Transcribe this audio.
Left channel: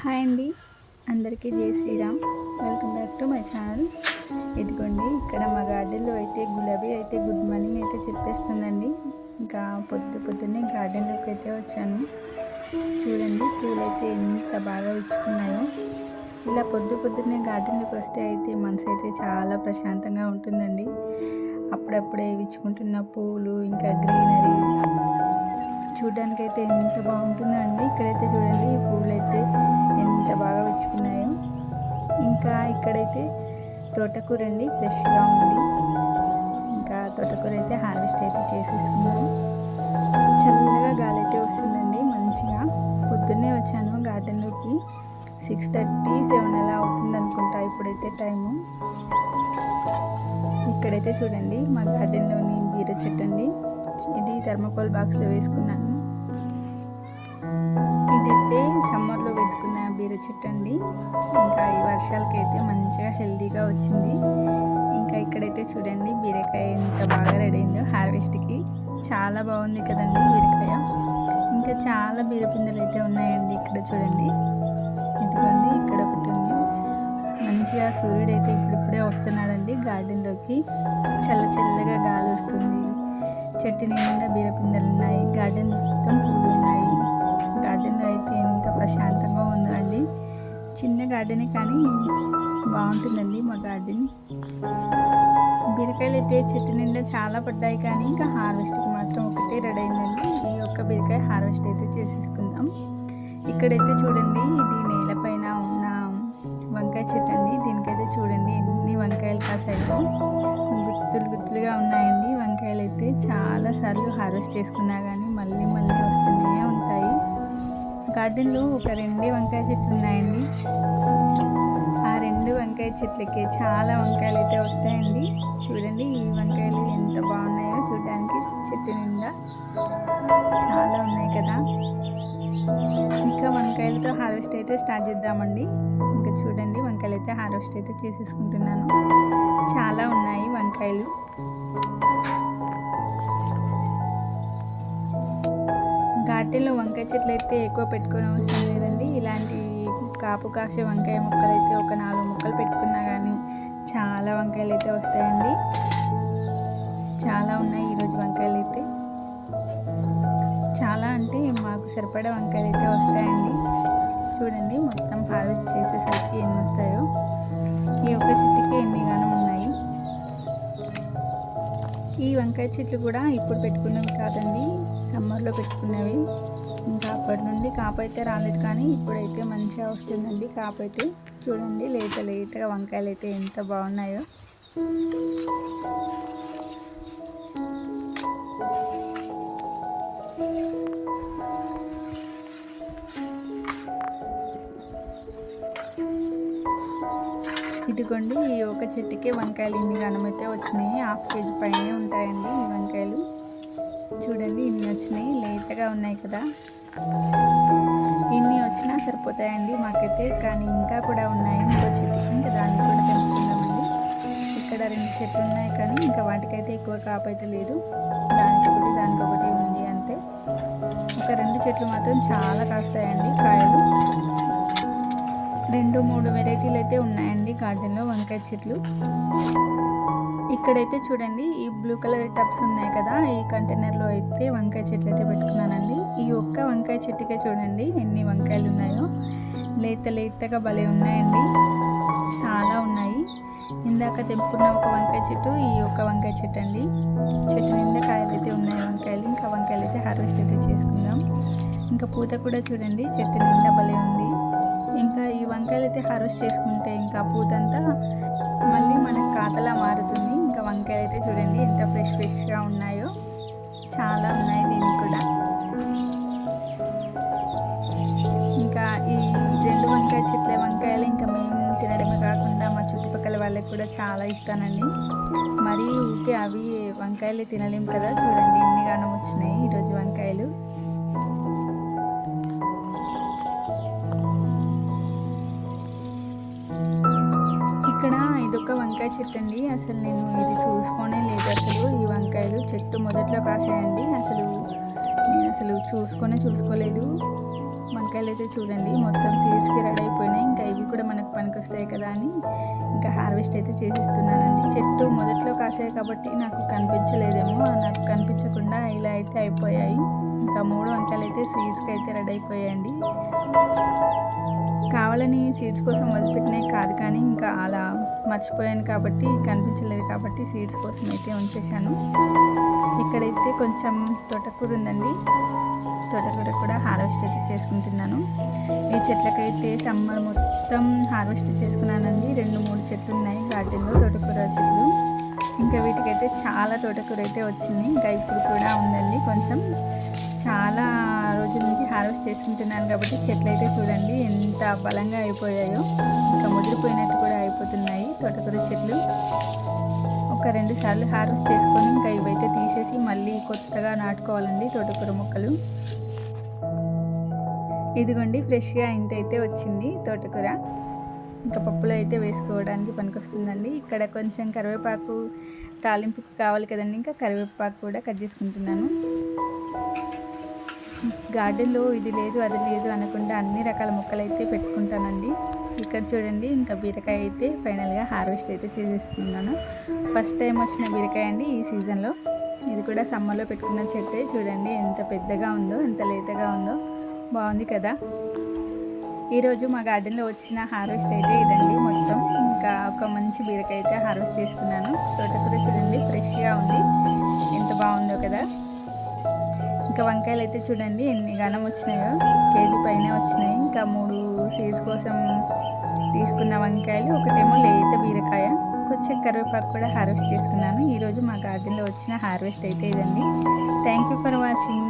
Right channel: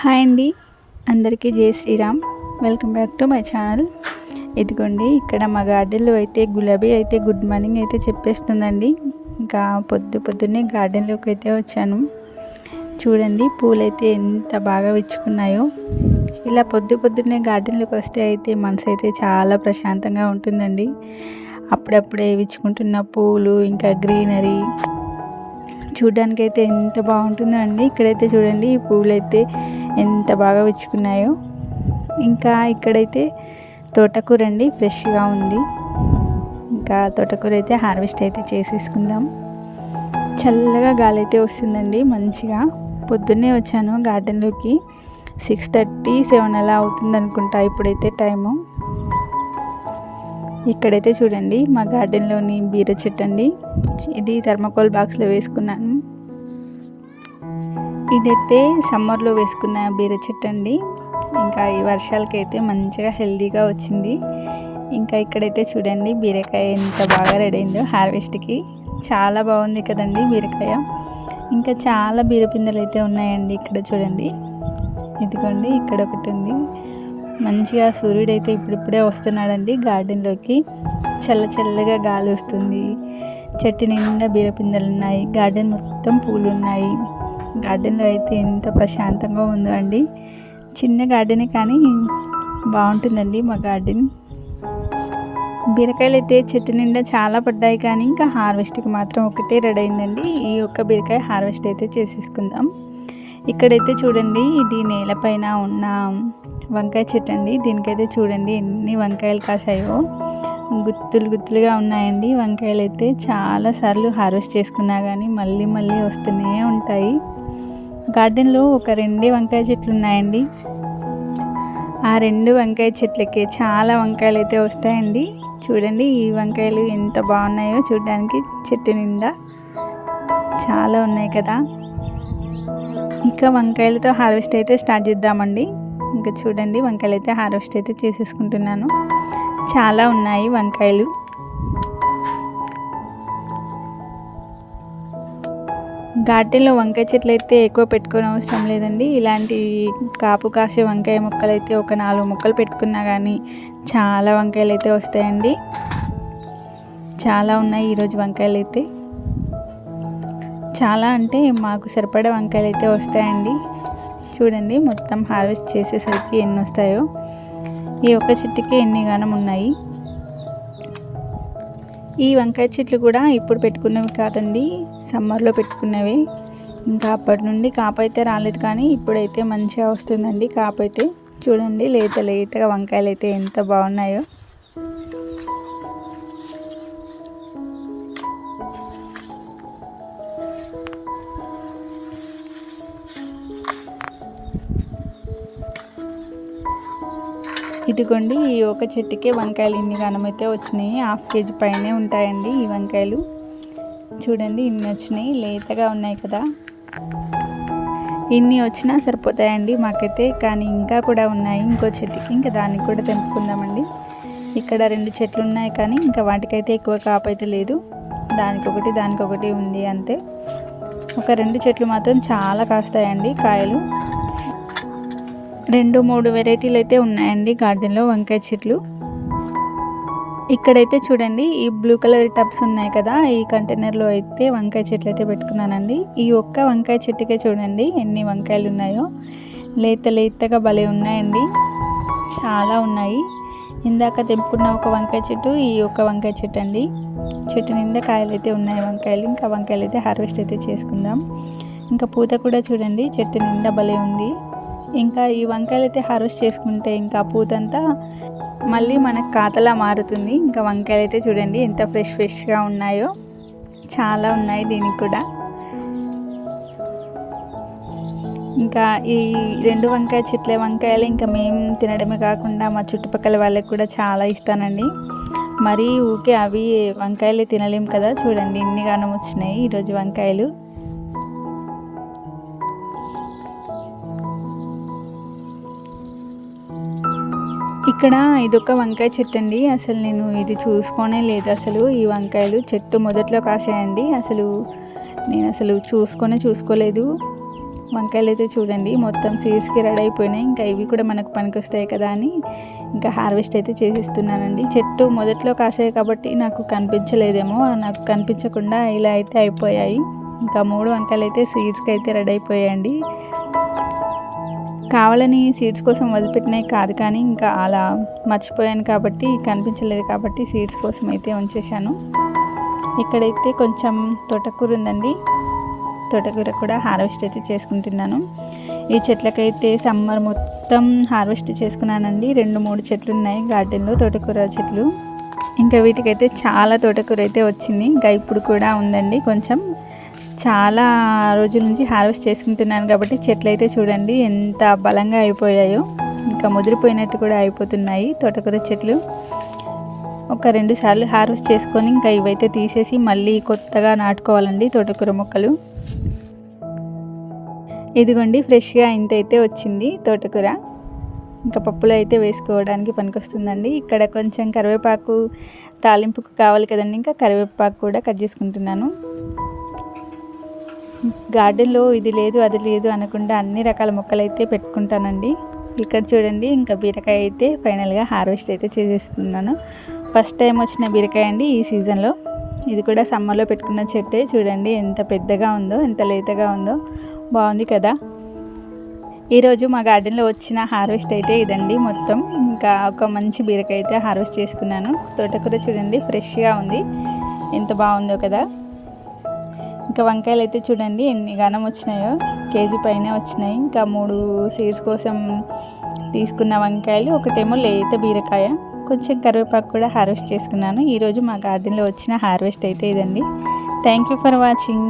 Hi అండి. అందరికీ జై Shri Ram. Welcome back to my channel. ఇదిగోండి ఇక్కడ మా గార్డెన్లో అయితే గులాబీ అయితే గుడ్ మార్నింగ్ అయితే చెప్పేస్తుందండి. ఇంకా పొద్దు పొద్దున్నే గార్డెన్లోకి అయితే వచ్చాను. చూడండి పూలైతే ఎంత బాగా విచ్చుకున్నాయో. ఇలా పొద్దు పొద్దున్నే గార్డెన్లోకి వస్తే అయితే మనసు అయితే చాలా ప్రశాంతంగా ఉంటుందండి. అప్పుడప్పుడే విచ్చుకుంటున్న పూలు ఇంకా గ్రీనరీ చూడ్డానికైతే ఎంత బాగుంటుందో అండి. ఇక్కడైతే చూడండి ఈ పూలైతే ఎంత బాగా విచ్చుకున్నాయో. ఇంకా ఇక్కడైతే తోటకూర అండి ఫ్రెష్గా ఉంది. ఇంకా తోటకూర అయితే హార్వెస్ట్ అయితే చేసేసుకుందాం. చల్లగా గాలి అయితే వస్తుందండి మంచిగా. పొద్దున్నే వచ్చాను గార్డెన్లోకి. సిక్స్ థర్టీ సెవెన్ అలా అవుతుంది అనుకుంటా ఇప్పుడైతే టైము. ఇక్కడైతే చూడండి మా గార్డెన్లోని బీర చెట్టు అండి. ఇది థర్మకోల్ బాక్స్లో వేసుకున్నాను. ఇదైతే సమ్మర్లో వేసుకున్న బీర చెట్టు అండి ఇంకా ఈ వర్షాలకైతే మంచిగా హెల్దీగా వచ్చింది. ఇంకా ఇక్కడైతే చూడండి బీరకాయ ఎంత బాగా రెడీ అయిందో హార్వెస్ట్కి. చాలా బాగుంది కదండి బీరకాయ. ఇంకా చాలా బీరపిందెలు అయితే ఉన్నాయండి ఇక్కడ చూడండి. ఇదిగోండి ఇక్కడ ఒకటి ఉంది. మంచిగా సూర్యుడు అయితే ఇప్పుడిప్పుడే వస్తున్నాడండి గార్డెన్లోకి. చల్ల చల్లగా గాలి వస్తుంది. చెట్టు నిండా బీరపిందెలు ఉన్నాయి గార్డెన్ మొత్తం పూలు ఉన్నాయి గార్డెన్లో అయితే ఎంత ప్రశాంతంగా ఉందో అండి. చిన్న గార్డెనే కానీ బాగుంటుందండి మా గార్డెన్. బీరకాయలు అయితే చెట్టు నిండా చాలా పడ్డాయి కానీ ఇంకా హార్వెస్ట్కి మాత్రం ఒకటే రెడీ అయిందండి. ఈ ఒక్క బీరకాయ హార్వెస్ట్ అయితే చేసేసుకుందాం. ఇక్కడైతే చూడండి ఇది నేలపైన ఉన్న వంకాయ చెట్టు అండి. దీనికైతే చూడండి ఎన్ని వంకాయలు కాసాయో గుత్తులు గుత్తులుగా ఉన్నాయండి. వంకాయలు అయితే చాలా సార్లు హార్వెస్ట్ చేసుకున్నా కానీ మళ్ళీ మళ్ళీ వస్తూనే ఉంటాయి. గార్డెన్లో ఒక రెండే వంకాయ చెట్లు ఉన్నాయండి. ఆ రెండు వంకాయ చెట్లకి చాలా వంకాయలు అయితే వస్తాయండి. చూడండి ఈ వంకాయలు ఎంత బాగున్నాయో చూడడానికి చెట్టు నిండా చాలా ఉన్నాయి కదా. ఇంకా వంకాయలతో హార్వెస్ట్ అయితే స్టార్ట్ చేద్దామండి. ఇంకా చూడండి వంకాయలు అయితే హార్వెస్ట్ అయితే చేసేసుకుంటున్నాను. చాలా ఉన్నాయి వంకాయలు. గార్డెన్లో వంకాయ చెట్లు అయితే ఎక్కువ పెట్టుకోని అవసరం లేదండి. ఇలాంటి కాపు కాసే వంకాయ మొక్కలు అయితే ఒక నాలుగు మొక్కలు పెట్టుకున్నా కానీ చాలా వంకాయలు అయితే వస్తాయండి. చాలా ఉన్నాయి ఈరోజు వంకాయలు అయితే. చాలా అంటే మాకు సరిపడే వంకాయలు అయితే వస్తాయండి. చూడండి మొత్తం హార్వెస్ట్ చేసేసరికి ఎన్ని వస్తాయో. ఈ ఒక్క చెట్టుకి ఎన్ని గానం ఉన్నాయి. ఈ వంకాయ చెట్లు కూడా ఇప్పుడు పెట్టుకున్నవి కాదండి సమ్మర్లో పెట్టుకున్నవి. ఇంకా అప్పటి నుండి కాపైతే రాలేదు కానీ ఇప్పుడైతే మంచిగా వస్తుందండి కాపైతే చూడండి లేత లేతగా వంకాయలు అయితే ఎంత బాగున్నాయో. ఇదిగోండి ఈ ఒక చెట్టుకే వంకాయలు ఇన్ని అయితే వచ్చినాయి. హాఫ్ కేజీ పైనే ఉంటాయండి ఈ వంకాయలు. చూడండి ఇన్ని వచ్చినాయి. లేతగా ఉన్నాయి కదా. ఇన్ని వచ్చినా సరిపోతాయండి మాకైతే. కానీ ఇంకా కూడా ఉన్నాయి. ఇంకో చెట్టుకి ఇంకా దానికి కూడా తెంపుకుందామండి. ఇక్కడ రెండు చెట్లు ఉన్నాయి కానీ ఇంకా వాటికైతే ఎక్కువ కాపైతే లేదు. దానికొకటి దానికొకటి ఉంది అంతే. ఒక రెండు చెట్లు మాత్రం చాలా కాస్తాయండి కాయలు. రెండు మూడు వెరైటీలు అయితే ఉన్నాయండి గార్డెన్లో వంకాయ చెట్లు. ఇక్కడైతే చూడండి ఈ బ్లూ కలర్ టబ్స్ ఉన్నాయి కదా ఈ కంటైనర్లో అయితే వంకాయ చెట్లు అయితే పెట్టుకున్నానండి. ఈ ఒక్క వంకాయ చెట్టుకే చూడండి ఎన్ని వంకాయలు ఉన్నాయో. లేత లేతగా భలే ఉన్నాయండి. చాలా ఉన్నాయి. ఇందాక తెంపుకున్న ఒక వంకాయ చెట్టు ఈ ఒక్క వంకాయ చెట్టు అండి. చెట్టు నిండా కాయలు అయితే ఉన్నాయి వంకాయలు. ఇంకా వంకాయలు అయితే హార్వెస్ట్ అయితే చేసుకుందాం. ఇంకా పూత కూడా చూడండి చెట్టు నిండా భలే ఉంది. ఇంకా ఈ వంకాయలు అయితే హార్వెస్ట్ చేసుకుంటే ఇంకా పూతంతా మళ్ళీ మనకు కాతలా మారుతుంది. ఇంకా వంకాయలు అయితే చూడండి ఎంత ఫ్రెష్ ఫ్రెష్గా ఉన్నాయో. చాలా ఉన్నాయి దీనికి కూడా. ఇంకా ఈ రెండు వంకాయ చెట్ల వంకాయలు ఇంకా మేము తినడమే కాకుండా మా చుట్టుపక్కల వాళ్ళకి కూడా చాలా ఇస్తానండి. మరీ ఊకే అవి వంకాయలు తినలేం కదా. చూడండి ఇన్ని గానం వచ్చినాయి ఈరోజు వంకాయలు. ఇక్కడ ఇదొక వంకాయ చెట్టు అండి అసలు నేను ఇది చూసుకోనే లేదు. అసలు ఈ వంకాయలు చెట్టు మొదట్లో కాసాయండి అసలు నేను అసలు చూసుకొనే చూసుకోలేదు. వంకాయలు అయితే చూడండి. మొత్తం సీడ్స్కి రెడీ అయిపోయినాయి. ఇంకా ఇవి కూడా మనకు పనికొస్తాయి కదా అని ఇంకా హార్వెస్ట్ అయితే చేసిస్తున్నానండి. చెట్టు మొదట్లో కాసాయి కాబట్టి నాకు కనిపించలేదేమో. నాకు కనిపించకుండా ఇలా అయితే అయిపోయాయి. ఇంకా మూడు వంకాయలు అయితే సీడ్స్కి అయితే రెడీ అయిపోయాయండి. కావాలని సీడ్స్ కోసం వదిలిపెట్టినవి కాదు కానీ ఇంకా అలా మర్చిపోయాను కాబట్టి కనిపించలేదు కాబట్టి సీడ్స్ కోసం అయితే ఉంచేశాను. ఇక్కడైతే కొంచెం తోటకూర ఉందండి. తోటకూర కూడా హార్వెస్ట్ అయితే చేసుకుంటున్నాను. ఈ చెట్లకైతే సమ్మర్ మొత్తం హార్వెస్ట్ చేసుకున్నానండి. రెండు మూడు చెట్లు ఉన్నాయి గార్డెన్లో తోటకూర చెట్లు. ఇంకా వీటికైతే చాలా తోటకూర అయితే వచ్చింది. ఇంకా ఇప్పుడు కూడా ఉందండి కొంచెం. చాలా రోజుల నుంచి హార్వెస్ట్ చేసుకుంటున్నాను కాబట్టి చెట్లు అయితే చూడండి ఎంత బలంగా అయిపోయాయో. ఇంకా ముదిరిపోయినట్టు కూడా అయిపోతున్నాయి తోటకూర చెట్లు. ఒక రెండు సార్లు హార్వెస్ట్ చేసుకొని ఇంకా ఇవైతే తీసేసి మళ్ళీ కొత్తగా నాటుకోవాలండి తోటకూర మొక్కలు. ఇదిగోండి ఫ్రెష్గా ఇంత అయితే వచ్చింది తోటకూర. ఇంకా పప్పులో అయితే వేసుకోవడానికి పనికొస్తుందండి. ఇక్కడ కొంచెం కరివేపాకు తాలింపుకు కావాలి కదండి ఇంకా కరివేపాకు కూడా కట్ చేసుకుంటున్నాను. గార్డెన్లో ఇది లేదు అది లేదు అనకుండా అన్ని రకాల మొక్కలు అయితే పెట్టుకుంటానండి. ఇక్కడ చూడండి ఇంకా బీరకాయ అయితే ఫైనల్గా హార్వెస్ట్ అయితే చేసేస్తున్నాను. ఫస్ట్ టైం వచ్చిన బీరకాయ అండి ఈ సీజన్లో. ఇది కూడా సమ్మర్లో పెట్టుకున్న చెట్టే చూడండి ఎంత పెద్దగా ఉందో ఎంత లేతగా ఉందో. బాగుంది కదా? ఈరోజు మా గార్డెన్లో వచ్చిన హార్వెస్ట్ అయితే ఇదండి మొత్తం. ఇంకా ఒక మంచి బీరకాయ అయితే హార్వెస్ట్ చేసుకున్నాను. తోటకూర చూడండి ఫ్రెష్గా ఉంది. ఎంత బాగుందో కదా? ఇంకా వంకాయలు అయితే చూడండి ఎన్ని ఘనం వచ్చినాయో. కేజీ పైన వచ్చినాయి. ఇంకా మూడు సీడ్స్ కోసం తీసుకున్న వంకాయలు ఒకటేమో లేత బీరకాయ. కొంచెం కరివేపాకు కూడా హార్వెస్ట్ చేసుకున్నాను. ఈరోజు మా గార్డెన్లో వచ్చిన హార్వెస్ట్ అయితే ఇదండి. Thank you for watching.